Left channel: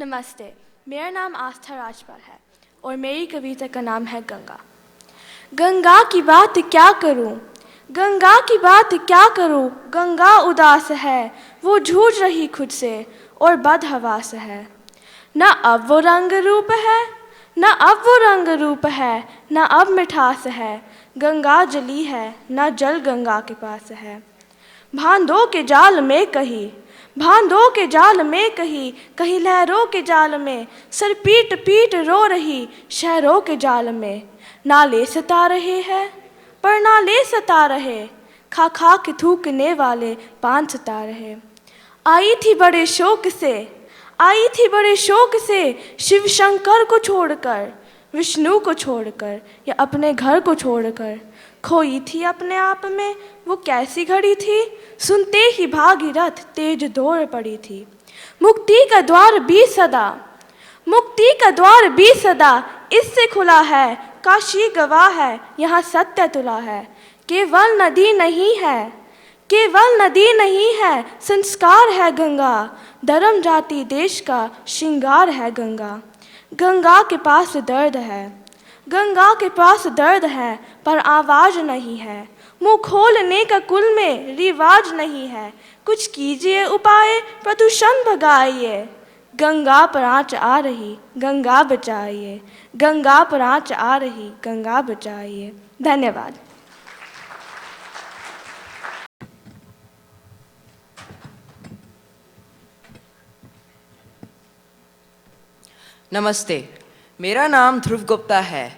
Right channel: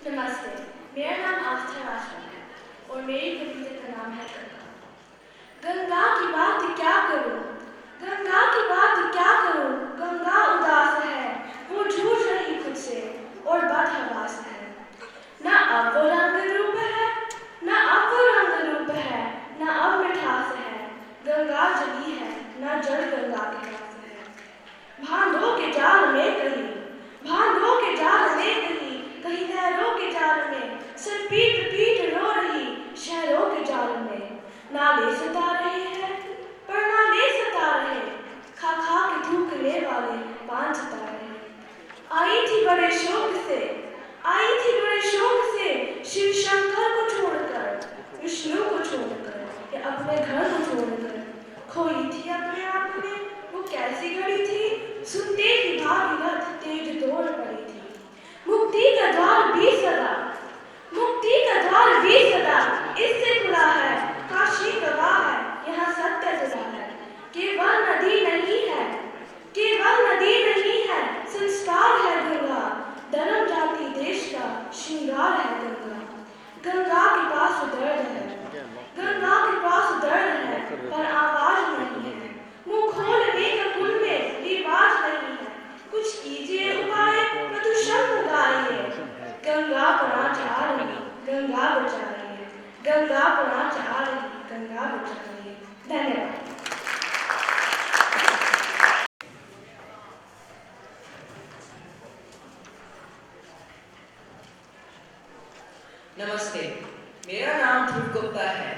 नमस्ते, मेरा नाम आस्था राजपल है और मेरी कविता का नाम है गंगा। गंगा की बात क्या करूं, गंगा की बात क्या करूं, गंगा उदास है, वो जूझ रही खुद से और बदहवास है। न अब वो रंग रूप है, न अब वो रंग रूप है, न अब मिठास है, गंगा जली है, न जल गंगा के पास है। भांदों के जाल में कहीं, भांदों के जाल में कहीं, कहीं लहरों के जाल में, सर पीट पीट रो रही शहरों के जाल में। नाले सता रहे हैं पर नाले सता रहे, खा खा के थूकने वाले पान सता रहे। आई थी बड़े शौक से, आई थी बड़े शौक से, शिव शंकर को छोड़कर, विष्णु को छोड़कर या अपने घर को छोड़कर। खोई थी अपने आप में वो कैसी घड़ी थी, सुनते ही भागीरथ तेज दौड़ पड़ी थी। मुक्ति का द्वार भी सदा, मुक्ति का द्वार भी सदा इससे खुला है, काशी गवाह है यहाँ सत्य तुला है। केवल नदी नहीं है, केवल नदी नहीं है, संस्कार है गंगा, धर्म जाति देश का श्रृंगार है गंगा। गंगा के पास दर्द है, गंगा के पास दर्द है, पर आवाज नहीं है, मुंह खोलने का कुल में रिवाज नहीं है। कुछ कीजिए उपाय, प्रदूषण भगाइए, गंगा पर आँच आ रही, गंगा बचाइए, गंगा पर आँच आ रही, गंगा बचाइए। धन्यवाद। नमस्ते, मेरा नाम ध्रुव गुप्ता है।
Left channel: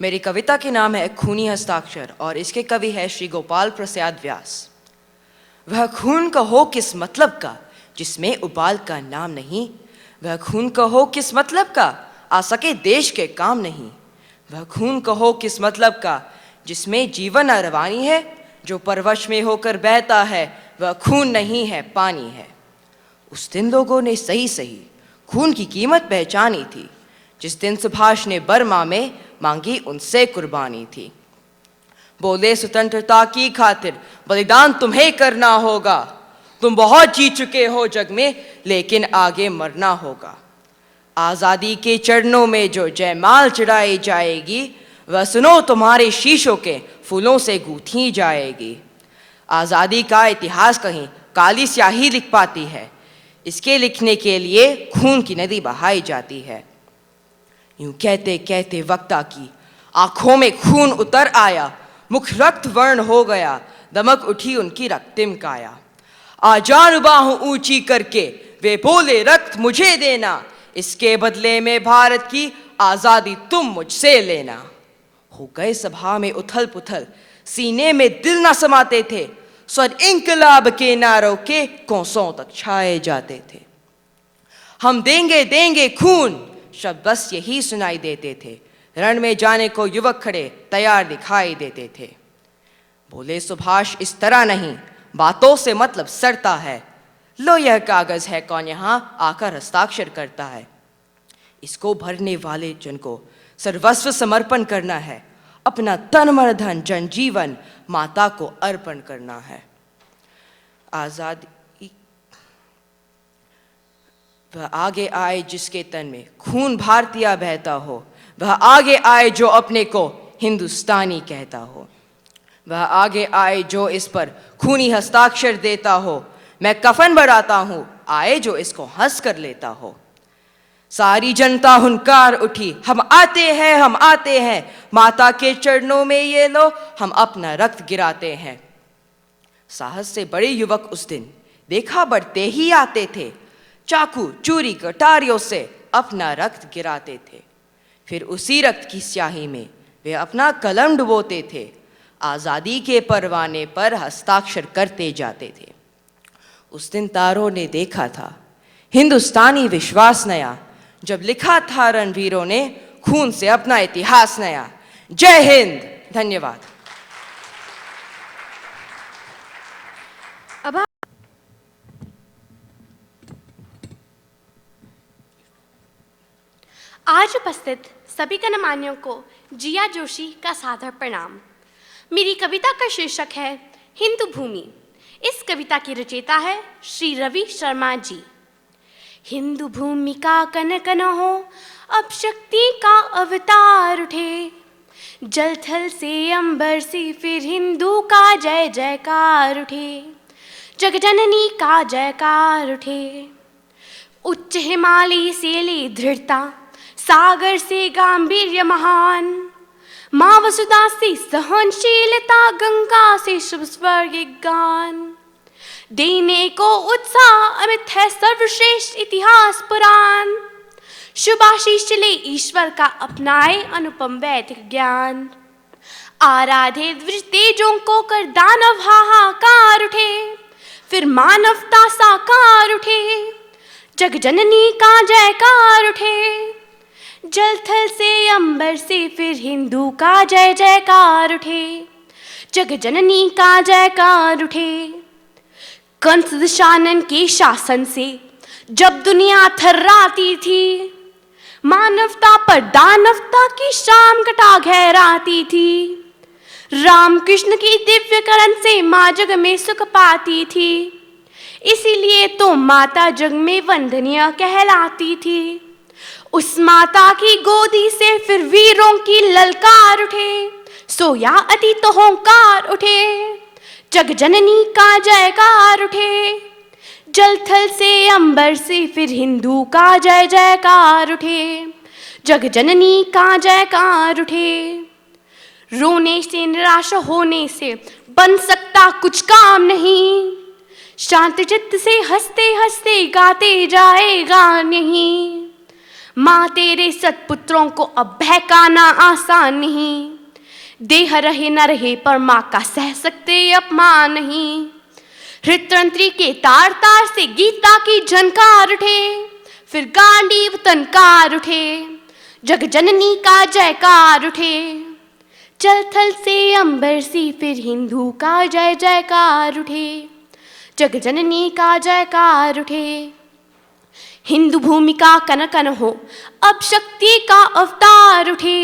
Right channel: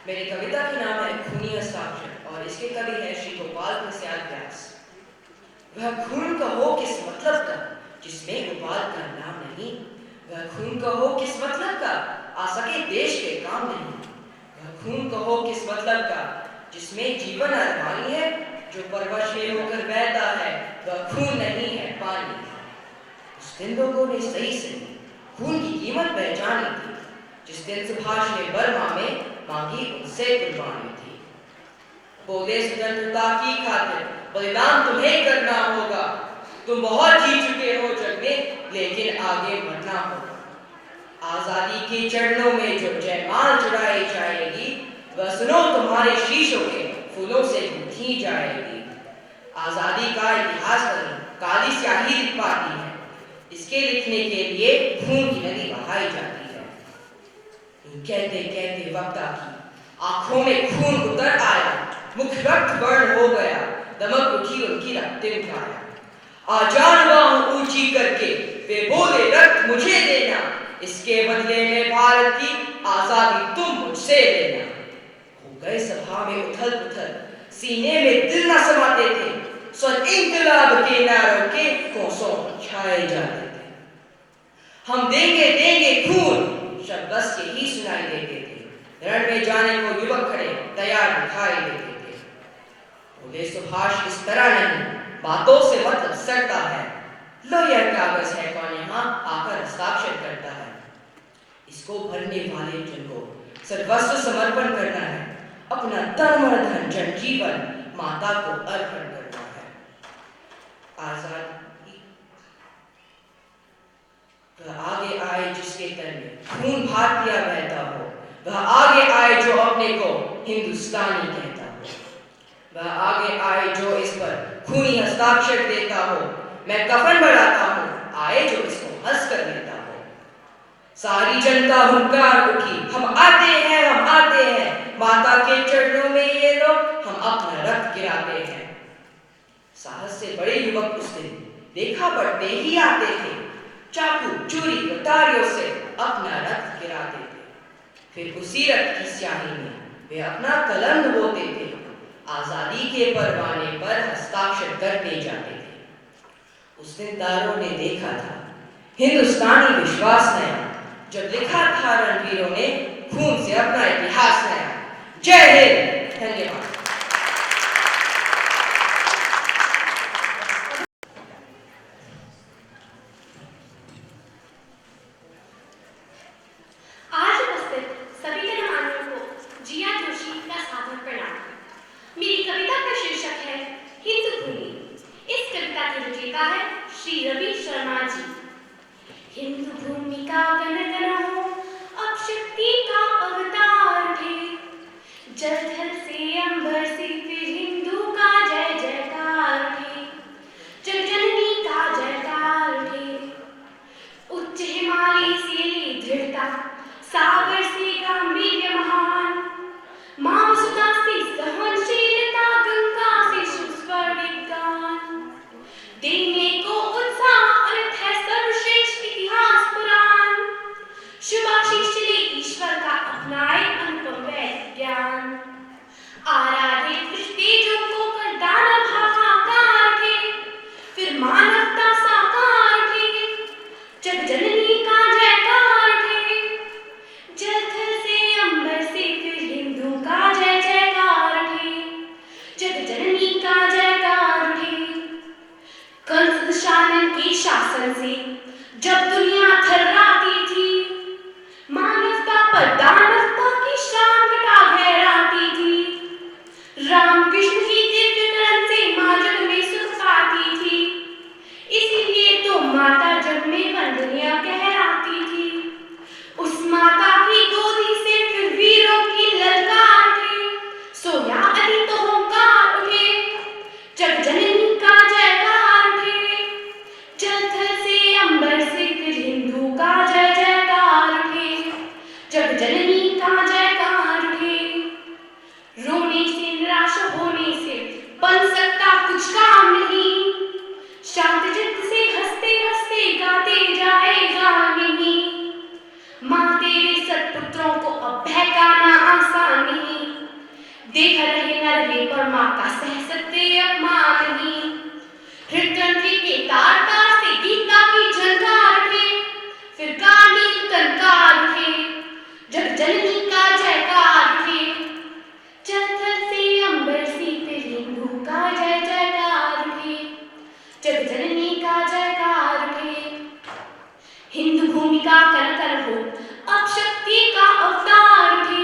मेरी कविता के नाम है खूनी हस्ताक्षर और इसके कवि है श्री गोपाल प्रसाद व्यास। वह खून का हो किस मतलब का जिसमें उबाल का नाम नहीं, वह खून का हो किस मतलब का आ सके देश के काम नहीं, वह खून का हो किस मतलब का जिसमें जीवन रवानी है, जो परवश में होकर बहता है वह खून नहीं है पानी है। उस दिन लोगों ने सही सही खून की कीमत पहचानी थी, जिस दिन सुभाष ने बर्मा में मांगी उनसे कुर्बानी थी। बोले स्वतंत्रता की खातिर बलिदान तुम्हें करना होगा, तुम बहुत जी चुके हो जग में लेकिन आगे मरना होगा। आज़ादी के चरणों में जो जयमाल चढ़ाई जाएगी, वह सुनो तुम्हारे शीशों के फूलों से गूंथी जाएगी। आज़ादी का इतिहास कहीं काली स्याही लिख पाती है, इसके लिखने के लिए खून की नदी बहाई जाती है। यूं कहते कहते वक्ता की आंखों में खून उतर आया, मुख रक्त वर्ण हो गया, दमक उठी उनकी रक्तिम काया। आजान बाहों ऊंची करके वे बोले रक्त मुझे देना, इसके बदले में भारत की आजादी तुम मुझसे लेना। हो गए सभा में उथल पुथल, सीने में दिल न समाते थे, स्वर इंकलाब के नारों के कोसों तक छाए जाते थे। हम देंगे देंगे खून शब्द बस यही सुनाई देते थे, रण में जाने को युवक खड़े तैयार दिखाई देते थे। बोले सुभाष इस तरह नहीं, बातों से मतलब सड़ता है, लो यह कागज है कौन यहाँ आकर हस्ताक्षर करता है। इसको भरने वाले जन को सर्वस्व समर्पण करना है, अपना तन मन धन जन जीवन माता को अर्पण करना है। आजादी वह आगे आए जिसके तन में खून भारतीय बहता हो, वह आगे आए जो अपने को हिंदुस्तानी कहता हो, वह आगे आए जो इस पर खूनी हस्ताक्षर देता हो। मैं कफन बढ़ाता हूँ, आए जो इसको हंस कर लेता हो। सारी जनता हुंकार उठी, हम आते हैं हम आते हैं, माता के चरणों में ये लोग हम अपना रक्त गिराते हैं। साहस से बड़े युवक उस दिन देखा बढ़ते ही आते थे, चाकू चूरी कटारियों से अपना रक्त गिराते थे। फिर उसी रक्त की स्याही में वे अपना कलम डुबोते थे, आज़ादी के परवाने पर हस्ताक्षर करते जाते थे। उस दिन तारों ने देखा था हिंदुस्तानी विश्वास नया, जब लिखा था रणवीरों ने खून से अपना इतिहास नया। जय हिंद। धन्यवाद। आज उपस्थित सभी गणमान्यों को जिया जोशी का सादर प्रणाम। मेरी कविता का शीर्षक है हिंदू भूमि। इस कविता की रचयिता है श्री रवि शर्मा जी। हिंदू भूमि का कन कन हो, अब शक्ति का अवतार उठे। जल थल से अंबर से फिर हिंदू का जय जयकार उठे, जगजननी का जयकार उठे। उच्च हिमालय से ले दृढ़ता, सागर से गांभीर्य महान, माँ वसुधा से सहनशीलता, गंगा से शुभ स्वर्गिक गान। देने को उत्साह अमित है सर्वश्रेष्ठ इतिहास पुराण, शुभाशीष ले ईश्वर का अपनाए अनुपम वैदिक ज्ञान। आराधे द्विज तेजों को कर दानव हाहाकार उठे, फिर मानवता साकार उठे, जगजननी का जयकार उठे। जल थल से अंबर से फिर हिंदू का जय जयकार उठे, जगजननी का जयकार उठे। कंस दशानन के शासन से जब दुनिया थर्राती थी, मानवता पर दानवता की शाम घटा गहराती थी। राम कृष्ण की दिव्य करण से माँ जग में सुख पाती थी, इसीलिए तो माता जग में वंदनीय कहलाती थी। उस माता की गोदी से फिर वीरों की ललकार उठे, सोया अतीत होंकार उठे, जगजननी का जयकार उठे। जल थल से अंबर से फिर हिंदू का जय जयकार उठे, जगजननी का जयकार उठे। रोने से निराश होने से बन सकता कुछ काम नहीं, शांत चित्त से हंसते हंसते गाते जाएगा नहीं। माँ तेरे सत्पुत्रों को अब बहकाना आसान नहीं, देह रहे न रहे पर माँ का सह सकते अपमान नहीं। हृतंत्री के तार तार से गीता की झनकार उठे, फिर गांडीव तनकार उठे, जगजननी का जयकार उठे। जल थल से अंबर से फिर हिंदू का जय जयकार उठे, जगजननी का जयकार उठे। हिंदू भूमि का कन कन हो, अब शक्ति का अवतार उठे।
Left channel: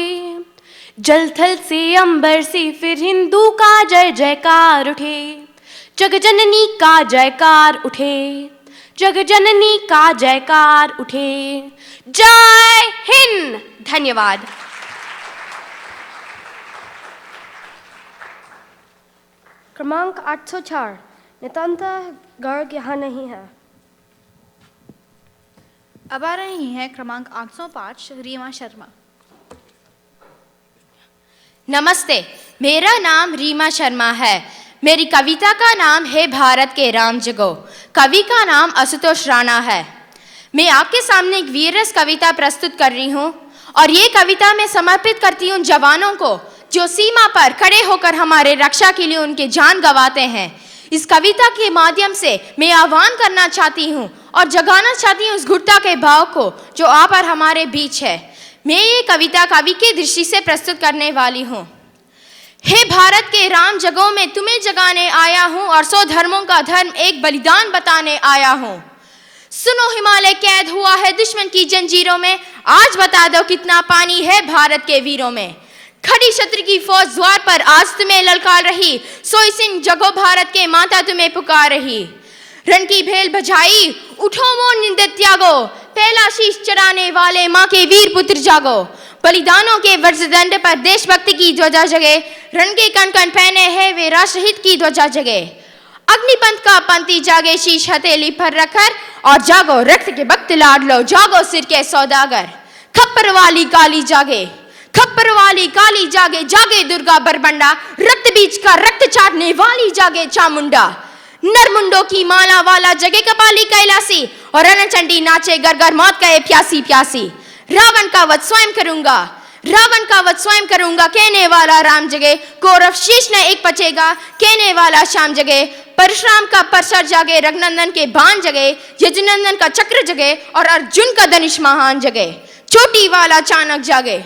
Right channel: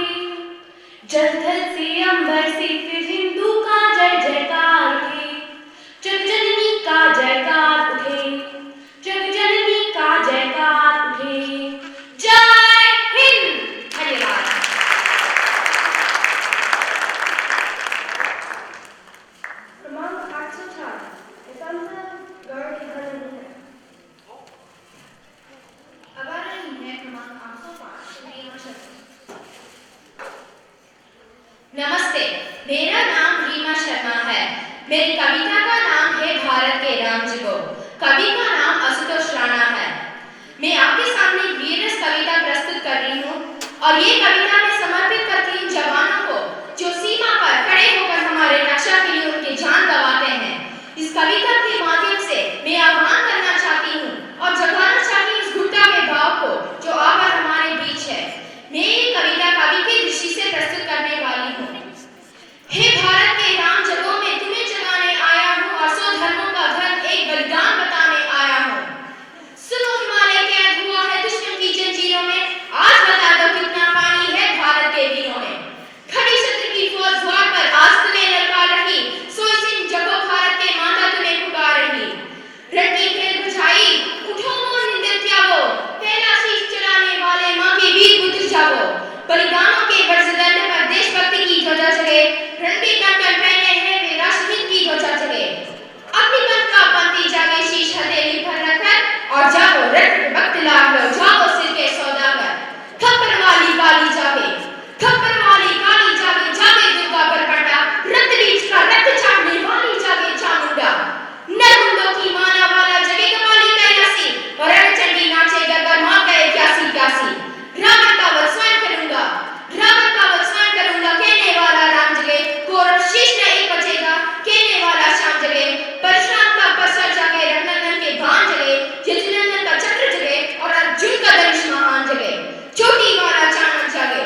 जल थल से अंबर से फिर हिंदू का जय जयकार उठे, जगजननी का जयकार उठे, जगजननी का जयकार उठे। जय हिंद। धन्यवाद। क्रमांक 804 नितांता गर्ग यहाँ नहीं है। अब आ रही है क्रमांक 805 रीमा शर्मा। नमस्ते, मेरा नाम रीमा शर्मा है। मेरी कविता का नाम है भारत के राम जगो। कवि का नाम आशुतोष राणा है। मैं आपके सामने एक वीररस कविता प्रस्तुत कर रही हूँ और ये कविता मैं समर्पित करती हूँ जवानों को जो सीमा पर खड़े होकर हमारे रक्षा के लिए उनके जान गंवाते हैं। इस कविता के माध्यम से मैं आह्वान करना चाहती हूँ और जगाना चाहती हूँ उस घुटता के भाव को जो आप और हमारे बीच है। मैं ये कविता कवि की दृष्टि से प्रस्तुत करने वाली हूँ। हे भारत के राम जगो, में तुम्हें जगाने आया हूँ और 100 धर्मों का धर्म एक बलिदान बताने आया हूँ। सुनो, हिमालय कैद हुआ है दुश्मन की जंजीरों में, आज बता दो कितना पानी है भारत के वीरों में। खड़ी शत्रु की फौज द्वार पर आज तुम्हें ललकार रही, सोई सिंह जगो भारत के माता तुम्हें पुकार रही। रण की भेल बजाई, उठो मोन निंदित त्यागो, पहला शीश चढ़ाने वाले माँ के वीर पुत्र जागो। बलिदानों के वज्रदंड पर देशभक्ति की ध्वजा जगे, रण के कण कण पहने हैं वे राष्ट्रहित की ध्वजा जगे। अग्निपंथ का पंथी जागे शीश हथेली पर रखकर, और जागो रक्त के वक्त लाड लो, जागो सिर के सौदागर। खप्पर वाली काली जागे, खप्पर वाली काली जागे, जागे दुर्गा बरबंडा, रक्त बीज का रक्त चाटने वाली जागे चामुंडा। नरमुंडों की माला वाला जगे कपाली कैलासी, और रणचंडी नाचे गरगर मौत गए प्यासी प्यासी। रावण का वध स्वयं करूंगा, रावण का वध स्वयं करूंगा, कहने वाला राम जगे। कौरव शीश न एक पचेगा, कहने वाला श्याम जगे। परशुराम का परसर जागे, रघुनंदन के बाण जगे, यजुनंदन का चक्र जगे, और अर्जुन का धनुष महान जगे। चोटी वाला चाणक जागे,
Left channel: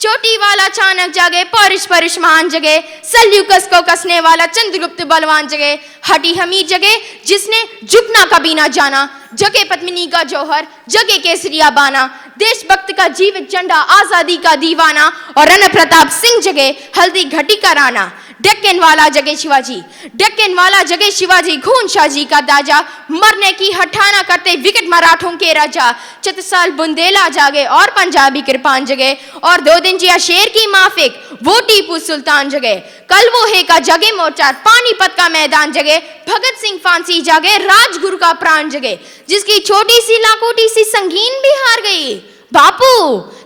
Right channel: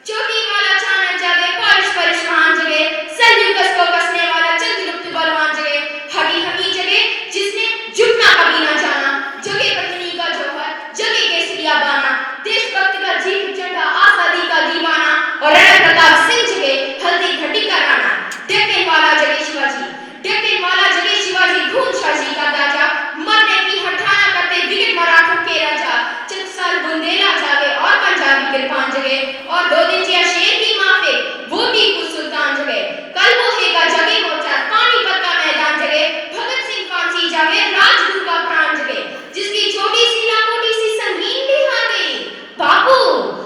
चोटी वाला चाणक जागे, पौरुष परुष महान जगे। सलयूकस को कसने वाला चंद्रगुप्त बलवान जगे। हटी हमीर जगे, जिसने झुकना कभी ना जाना, जगे पद्मिनी का जौहर, जगे केसरिया बाना। देशभक्त का जीवित झंडा, आजादी का दीवाना, और रण प्रताप सिंह जगे, हल्दी घटी का राणा। डेक्कन वाला जगे शिवाजी, डेक्कन वाला जगे शिवाजी खून शाजी का दाजा, मरने की हठाना करते विकट मराठों के राजा। चतसाल बुंदेला जागे और पंजाबी कृपान जगे, और 2 दिन जिया शेर की माफिक वो टीपू सुल्तान जगे। कल वो है का जगे मोर्चा, पानीपत का मैदान जगे, भगत सिंह फांसी जागे, राजगुरु का प्राण जगे। जिसकी छोटी सी लाकोटी सी संगीन भी हार गई बापू,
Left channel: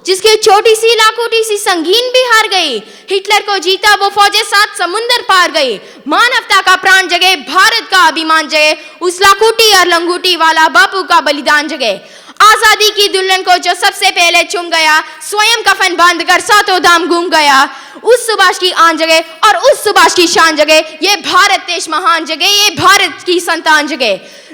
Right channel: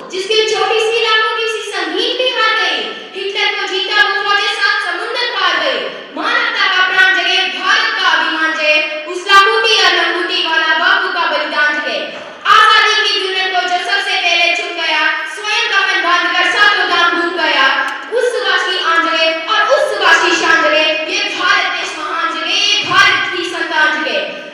जिसकी छोटी सी लाकोटी सी संगीन भी हार गई। हिटलर को जीता वो फौजें 7 समुंदर पार गई। मानवता का प्राण जगे, भारत का अभिमान जगे, उस लाखोटी और लंगूटी वाला बापू का बलिदान जगे। आजादी की दुल्हन को जो सबसे पहले चुम गया, स्वयं कफन बांधकर 7 धाम घूम गया। उस सुभाष की आन जगे और उस सुभाष की शान जगे, ये भारत देश महान जगे, ये भारत की संतान जगे।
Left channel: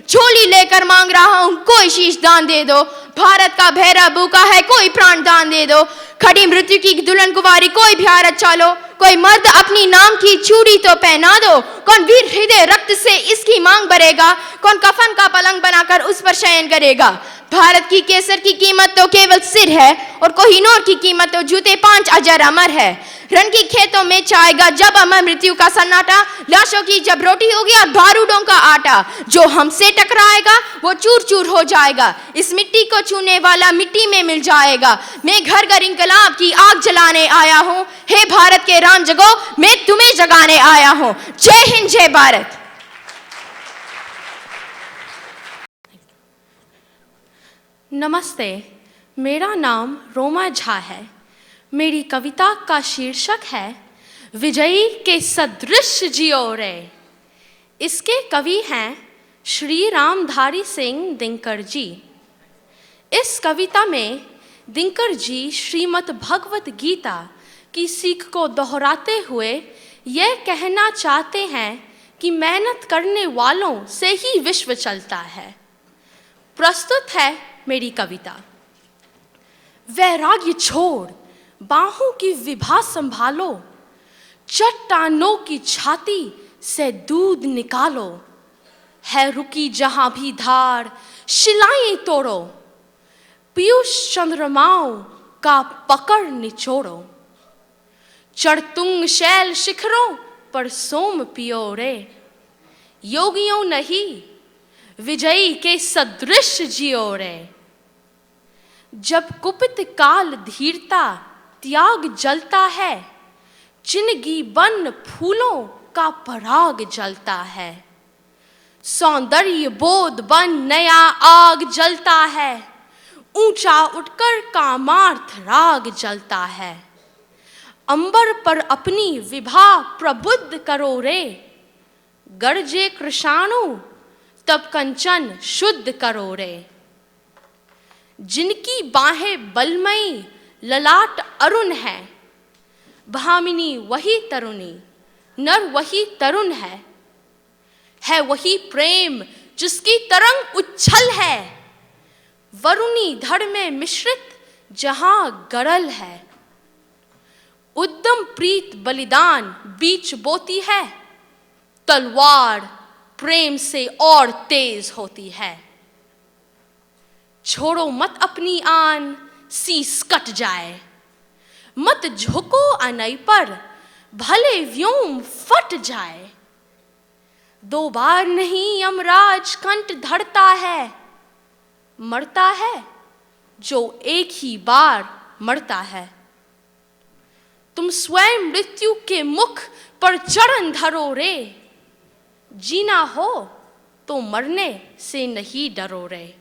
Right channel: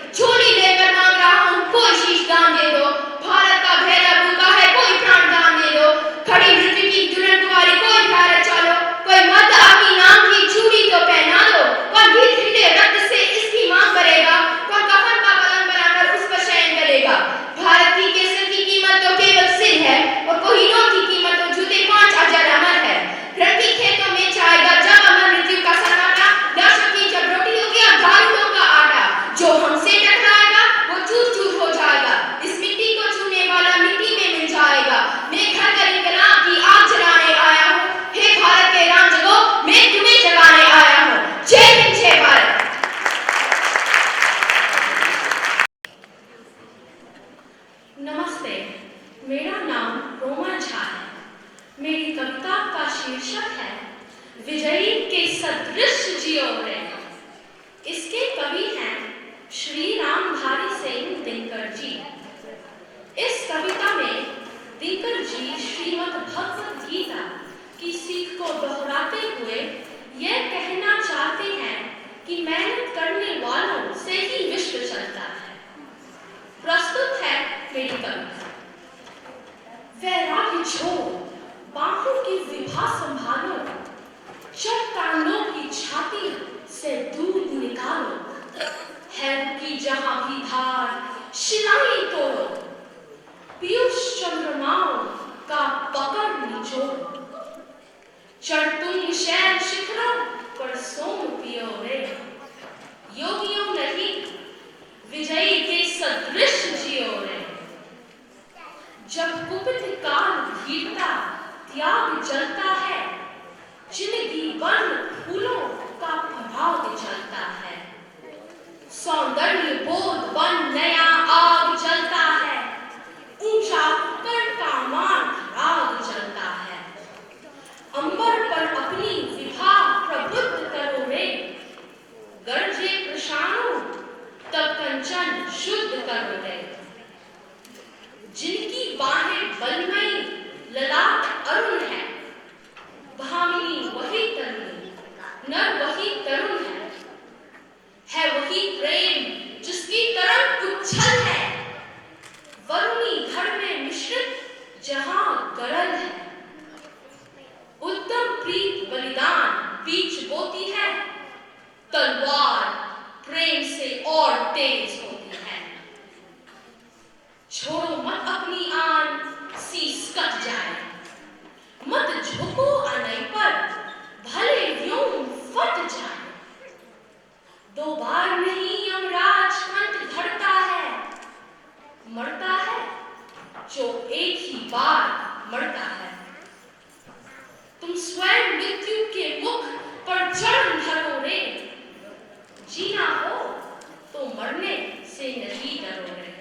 झोली लेकर मांग रहा हूं कोई शीश दान दे दो, भारत का भैरव भूखा है कोई प्राण दान दे दो। खड़ी मृत्यु की दुल्हन कुमारी कोई भारत चालो, कोई मर्द अपनी नाम की चूड़ी तो पहना दो। कौन वीर हृदय रक्त से इसकी मांग भरेगा, कौन कफन का पलंग बनाकर उस पर शयन करेगा। भारत की केसर की कीमत तो केवल सिर है, और कोहिनूर की कीमत तो जूते 5 अजर अमर है। रण के खेतों में छाएगा जब अमर मृत्यु का सन्नाटा, लाशों की जब रोटी होगी और बारूदों का आटा। जो हमसे टकराएगा वो चूर चूर हो जाएगा, इस मिट्टी को छूने वाला मिट्टी में मिल जाएगा। मैं घर घर इंकलाब की आग जलाने आया हूँ, हे भारत के राम जगो, मैं तुम्हें जगाने आया हूँ। जय हिंद, जय भारत। नमस्ते, मेरा नाम रोमा झा है। मेरी कविता का शीर्षक है विजयी के सदृश जियो रे। इसके कवि हैं श्री रामधारी सिंह दिनकर जी। इस कविता में दिनकर जी श्रीमद् भगवत गीता की सीख को दोहराते हुए यह कहना चाहते हैं कि मेहनत करने वालों से ही विश्व चलता है। प्रस्तुत है मेरी कविता। वैराग्य छोड़ बाहों की विभा संभालो, चट्टानों की छाती से दूध निकालो। है रुकी जहां भी धार शिलाएं तोड़ो, पीयूष चंद्रमाओं का पकड़ निचोड़ो। चढ़तुंग शैल शिखरों पर सोम पियो रे, योगियों नहीं विजयी के सदृश जियो रे। जब कुपित काल धीरता त्याग जलता है, जिंदगी बन फूलों का पराग जलता है। सौंदर्य बोध बन नया आग जलता है, ऊंचा उठकर कामार्थ राग जलता है। अंबर पर अपनी विभा प्रबुद्ध करो रे, गरजे कृषाणु तब कंचन शुद्ध करो रे। जिनकी बाहें बलमयी ललाट अरुण है, भामिनी वही तरुणी, नर वही तरुण है वही प्रेम जिसकी तरंग उच्छल है। वरुणी धड़ में मिश्रित जहां गरल है, उद्दम प्रीत बलिदान बीच बोती है। तलवार प्रेम से और तेज होती है। छोड़ो मत अपनी आन शीस कट जाए, मत झुको अनई पर भले व्योम फट जाए। 2 बार नहीं यमराज कंठ धरता है, मरता है जो एक ही बार मरता है। तुम स्वयं मृत्यु के मुख पर चरण धरो रे, जीना हो तो मरने से नहीं डरो रे।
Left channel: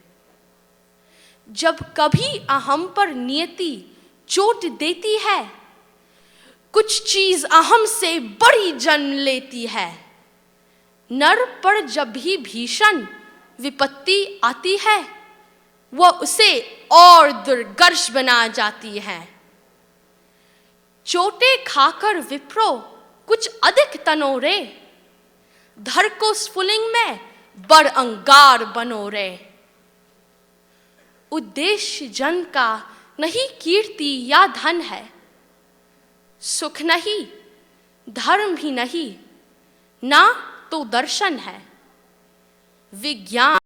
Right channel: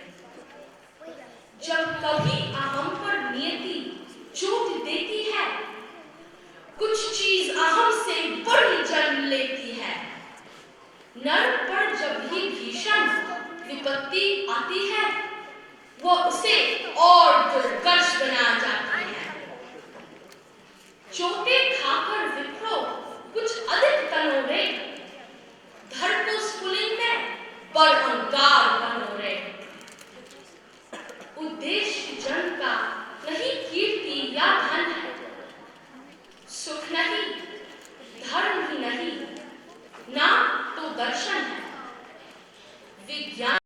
जब कभी अहम पर नियति चोट देती है, कुछ चीज अहम से बड़ी जन्म लेती है। नर पर जब भी भीषण विपत्ति आती है, वह उसे और दुर्गर्ष बना जाती है। चोटे खाकर विप्रो कुछ अधिक तनो रे, धर को स्फुलिंग में बड़ अंगार बनो रे। उद्देश्य जन का नहीं कीर्ति या धन है, सुख नहीं धर्म भी नहीं, ना तो दर्शन है। विज्ञान